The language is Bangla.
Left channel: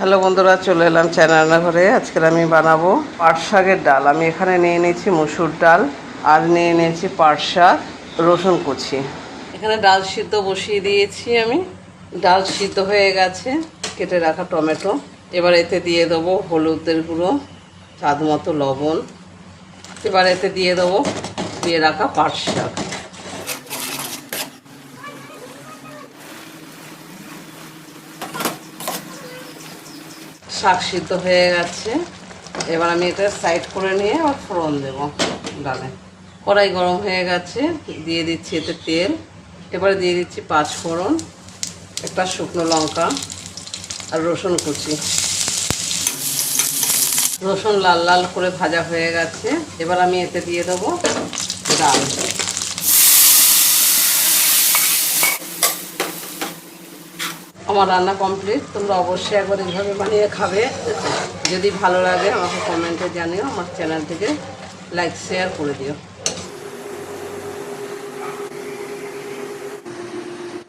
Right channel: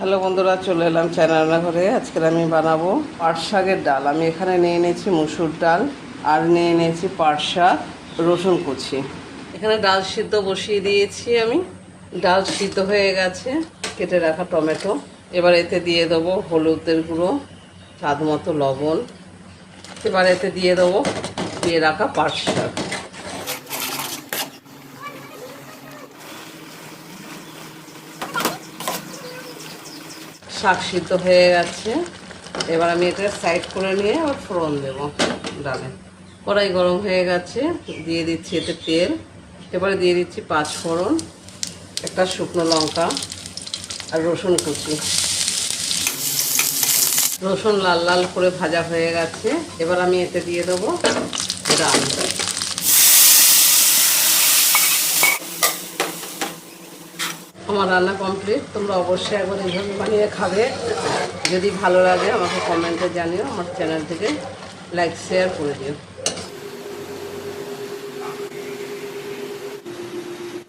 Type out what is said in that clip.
হ্যালো বন্ধুরা, চলে এলাম চ্যানেল রান্নাঘরে। আজকে আমি বানাবো পাট শাকের ডাল। আমি এখানে নিয়ে নিয়েছি মুসুর ডাল আর নিয়ে নিয়েছি পাট শাক, রসুন কুচি। এখানে ডাল সিদ্ধ বসিয়ে দিয়েছি আমি। ডাল সিদ্ধ হয়ে গেছে, কেটে রাখা টমেটো। এবার এতে দিয়ে দেবো হলুদের গুঁড়ো, স্বাদ মতো লবণ। এবার এতে দিয়ে দেবো দিয়ে রাখা পাট শাক। শাক সিদ্ধ হয়ে গেছে, এবার আমি এটা সাইড করে নিয়ে আবার ফোড়ন দেবো ডালে। কড়াই গরম হয়ে গেছে, দিয়ে দিচ্ছি এতে তেল। এবারে দিয়ে দিচ্ছি 5 ফোড়ন, একটা শুকনো লঙ্কা আর রসুন কুচি। রসুন লাল লাল করে ভাজা হয়ে গেছে, এবার আমি এতে দিয়ে দেবো ডাল। আমার রান্না কমপ্লিট। তোমরা অবশ্যই একবার এইভাবে বানিয়ে খাবে। যদি ভালো লাগে আমাকে কমেন্টে জানিও। আমার চ্যানেল থেকে লাইক শেয়ার করে দিও।